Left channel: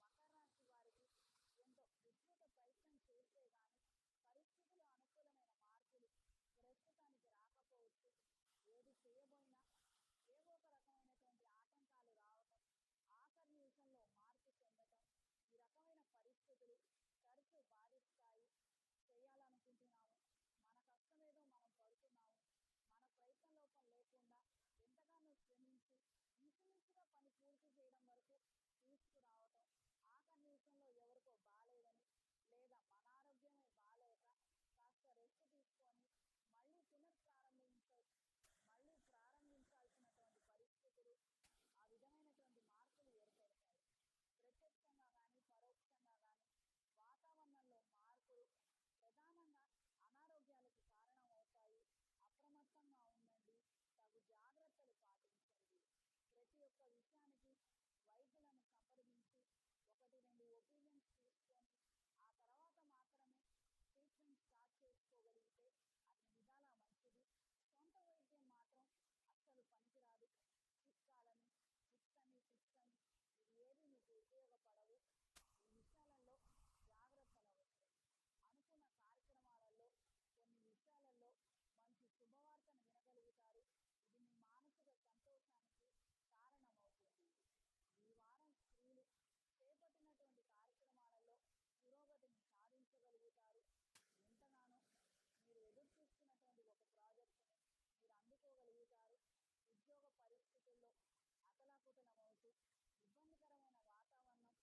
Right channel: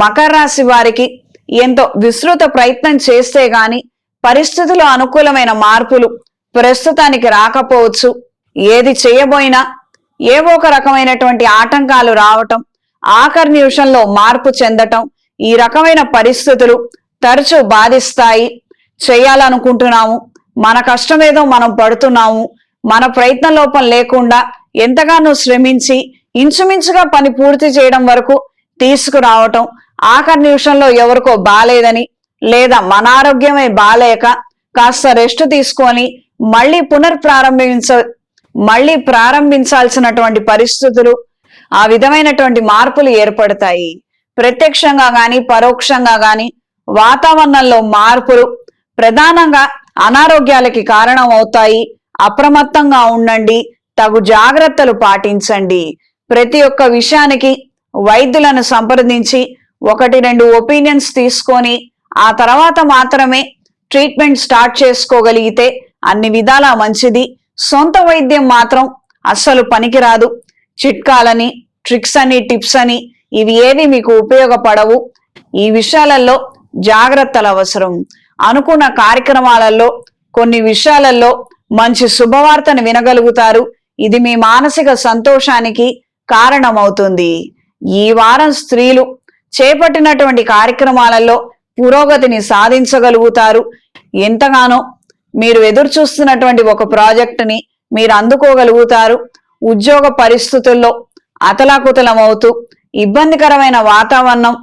మకర రాశి వారికి ఎంతో విస్తృత ప్రయత్నం చేస్తే గాని పరిస్థితులు అనుకూలమైన మార్పులు ప్రస్తుతానికి రాకపోవచ్చు. ఏది చేయబోయినా ఏవో ఒక రకమైనటువంటి ఆటంకాలు రావటం ఆఖరి నిమిషంలో మార్పు చెందటం ఈ రకమైన పరిస్థితులు తరచూ బాధిస్తాయి. చేయాలనుకుంటున్నాము మన కష్టమేదో మనం పడుతున్నాము మన ప్రయత్న లోపం లేకుండా ఎంతగానో శ్రమించి ఇంచుమించుగా పని పూర్తి చేయడం వరకు తీసుకురావటం ఆఖరి నిమిషంలో ఎవరికో బాలేదని లేదా మన ఆరోగ్యమే బాలేక కాస్త రెస్ట్ తీసుకొని మళ్ళీ పునర్ప్రారంభించ మళ్ళీ ప్రారంభించాల్సినటువంటి పరిస్థితులు ఆ విధమైనటువంటి మార్పులు ఏర్పడతాయి. ప్రత్యక్షంగా గాని పరోక్షంగా గాని వాతావరణంలో మార్పులు ప్రధానంగా అనారోగ్యాలకి కారణం అవుతాయి అప్రమత్తంగా ఉండండి. తగు జాగ్రత్తలు పాటించండి. ప్రతి ఒక్క విషయానికి వైద్యులను సంప్రదించి ఒకటి రెండు ఒపీనియన్స్ తీసుకొని ఆ తర్వాత మాత్రమే ట్రీట్మెంట్ స్టార్ట్ చేసుకోగలిగితే అన్ని విధాలా మంచిది. సొంత వైద్యం మాత్రం అస్సలు పనికిరాదు. చిట్కాలని ట్రిక్స్ అని టిప్స్ అని ఇవి ఏవి మీకు ఉపయోగపడవు. ఈ విషయాలలో జాగ్రత్తలు అవసరం. అనుకున్న కార్యక్రమాలలో కొన్ని విషయాలలో మంచి శుభవార్తను వినగలుగుతారు. ఇది మీ మానసిక సంతోషానికి కారణమవుతుంది. ఈ వారం స్త్రీలు చేపట్టినటువంటి కార్యక్రమాలలో పురోగతిని సాధించగలుగుతారు. ఎంతగానో మీరు ఎదురు చూస్తున్నటువంటి ఒక ప్రాజెక్టుని మీరు అందుకోగలుగుతారు. ఉద్యోగ పరిస్థితుల్లో అతలాకుతలమవుతూ ఇబ్బందికరమైన వాతావరణం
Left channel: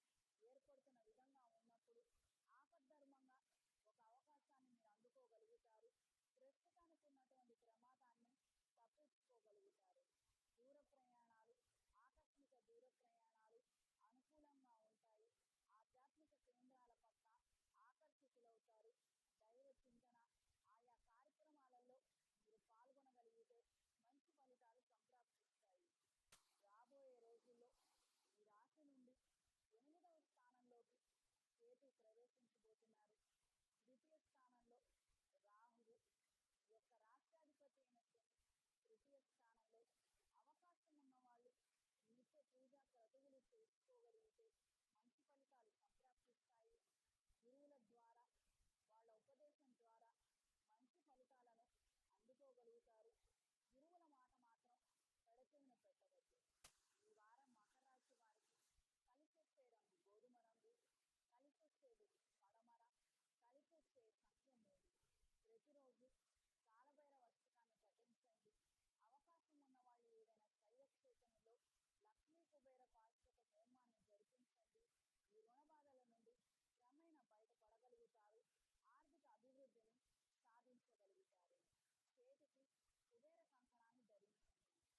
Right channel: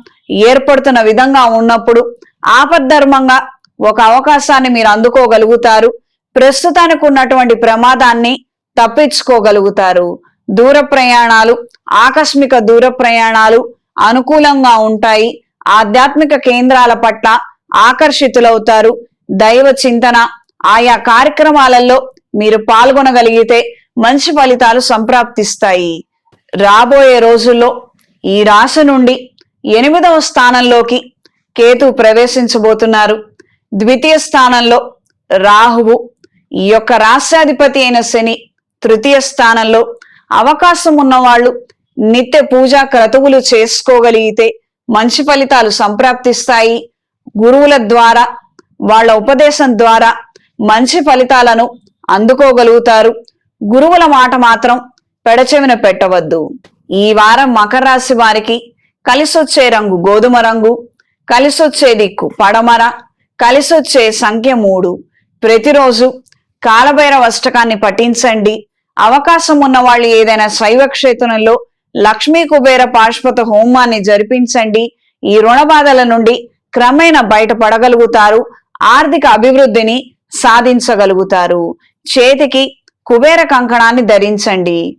ఏర్పడుతున్న విధంగా ఉన్నప్పుడు ఆపద్ధర్మంగా ఒక అవకాశాన్ని మీరు అందుకోగలుగుతారు. ప్రస్తుతానికి ఉన్నటువంటి ప్రమాదాన్ని తప్పించుకోగలుగుతారు. దూర ప్రయాణాలు ఆకస్మిక దూర ప్రయాణాలు అనుకూలంగా ఉంటాయి. ఆధ్యాత్మిక కేంద్రాల పట్ల ఆకర్షితులవుతారు. దైవ చింతన ఆయా కార్యక్రమాలలో మీరు పాల్గొనగలిగితే మంచి ఫలితాలు సంప్రాప్తిస్తాయి. రాబోయే రోజుల్లో ఈ రాశి నుండి ఎనిమిదవ స్థానంలోకి కేతు ప్రవేశించబోతున్నారు. ద్వితీయ స్థానంలో రాహువు ఈ యొక్క రాశ్యాధిపతి అయిన శని తృతీయ స్థానంలో అవకాశం ఉన్నవాళ్ళు నిత్య పూజా క్రతువులు చేసుకోగలిగితే మంచి ఫలితాలు సంప్రాప్తిస్తాయి. గురువుల ద్వారా వాళ్ళ ఉపదేశం ద్వారా మంచి ఫలితాలను అందుకోగలుగుతారు. గురువుల మాట మాత్రం పెడచెవిన పెట్టవద్దు. ఈ వారం మకర రాశి వారికి కలిసొచ్చే రంగు గోధుమ రంగు కలిసొచ్చే దిక్కు పడమర కలిసొచ్చే సంఖ్య మూడు. ప్రతిరోజు కాలభైరవ అష్టకాన్ని పఠించండి. అవకాశం ఉన్న వాళ్ళు ఏదైనా శైవ క్షేత్రంలో లక్ష్మీ కుబేర పాశ్వత హోమాన్ని జరిపించండి. ఈ రుణ బాధల నుండి క్రమేణ బయటపడగలుగుతారు. ఆర్థిక అభివృద్ధిని సాధించగలుగుతారు. చేతికి కుబేర కంకణాన్ని ధరించండి.